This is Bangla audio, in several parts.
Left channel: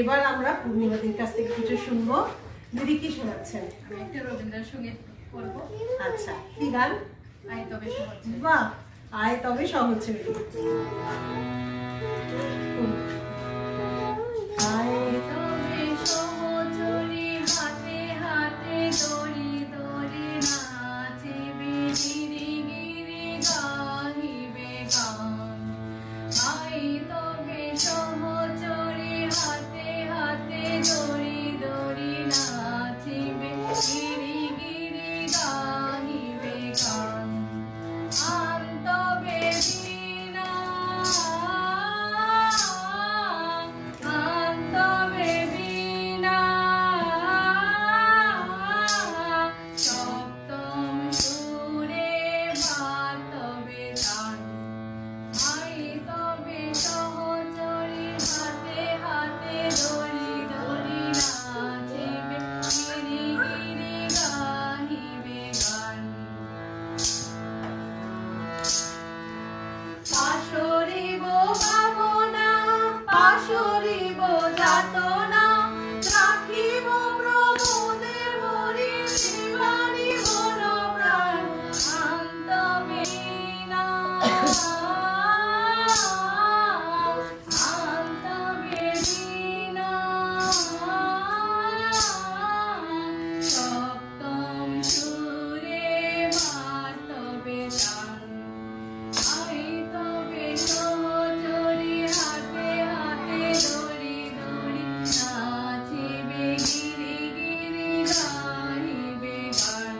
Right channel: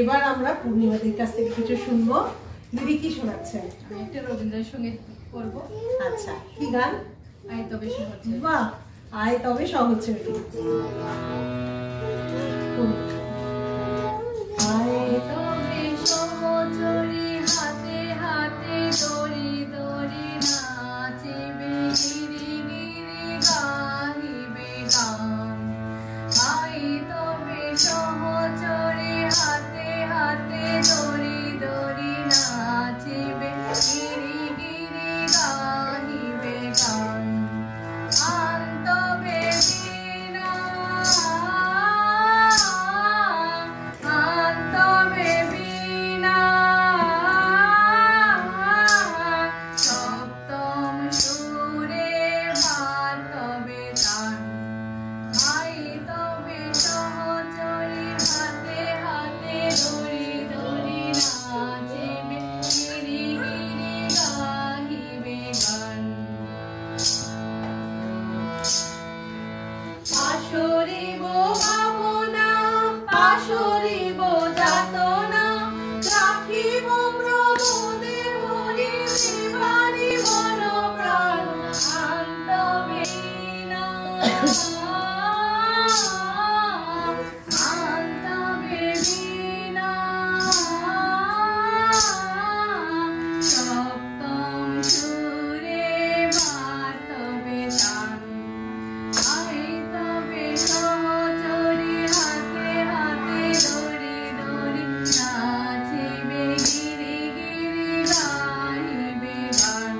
এবার আমরা পূর্ণিমাদির কাছ থেকে কিছু শুনবো। দিদি কি শোনাচ্ছেন? একটা রবীন্দ্রসঙ্গীত করব। আচ্ছা, কি গান? আয় তবে সহজ। বাহ, আয় তবে সহজ। আয় তবে সহচরী হাতে হাতে দড়ি দড়ি নাচিবে গিরি গিরি গাহিবে গান। আয় তবে সহচরী হাতে হাতে দড়ি দড়ি নাচিবে গিরি গিরি গাহিবে গান। আন্তবে বীণা আন্তবে বীণা সপ্তম সুরে বাতবে তান। আই তবে সহচরী হাতে হাতে দড়ি দড়ি নাচিবে গিরি গিরি গাহিবে গান। পাশরিব ভাবনা পাশরিব যাতনা রাখিব প্রমোদের মরি শিবানী মন প্রাণ। আন্তবে বীণা আন্তবে বীণা সপ্তম সুরে বাতবে তান। আয় তবে সহচরী হাতে হাতে দড়ি দড়ি নাচিবে গিরি গিরি গাহিবে গান।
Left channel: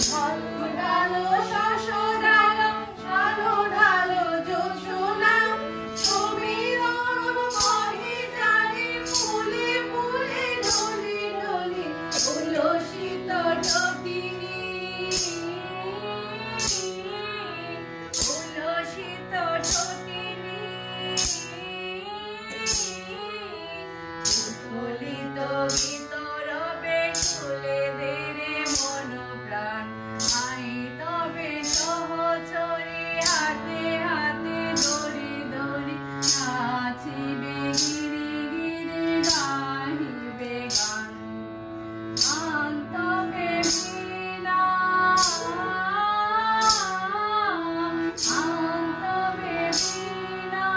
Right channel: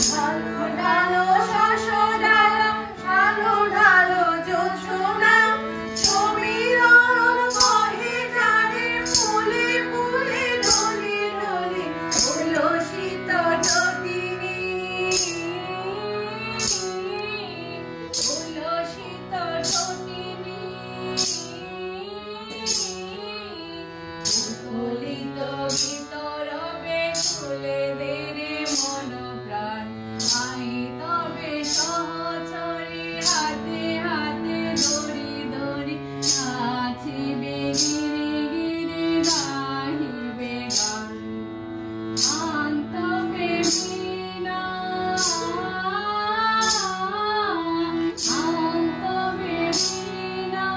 ঢালো ঢালো শাসদালা ঢালো ঢালো জ্যোৎস্না সমীরণ বহে ধারে ফুলে ফুলে ঢলি ঢলি উল্লসিত ঢকিনী উল্লসিত ঢকিনী উৎফুল্লিত ভিতরবে খুলে দে রে মন প্রাণ। আই তবে সহচরী হাতে হাতে দড়ি দড়ি নাচিবে গিরি গিরি গাহিবে গান। আন্তবে বীণা আন্তবে বীণা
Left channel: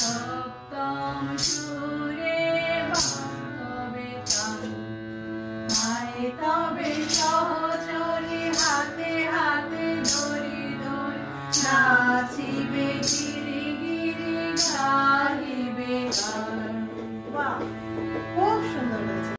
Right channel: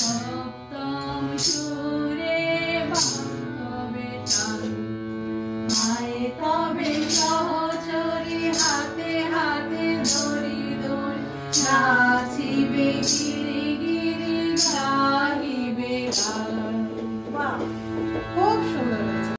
সপ্তম সুরে বাতবে তান। আয় তবে সহচরী হাতে হাতে দড়ি দড়ি নাচিবে গিরি গিরি গাহিবে গান। বাহ।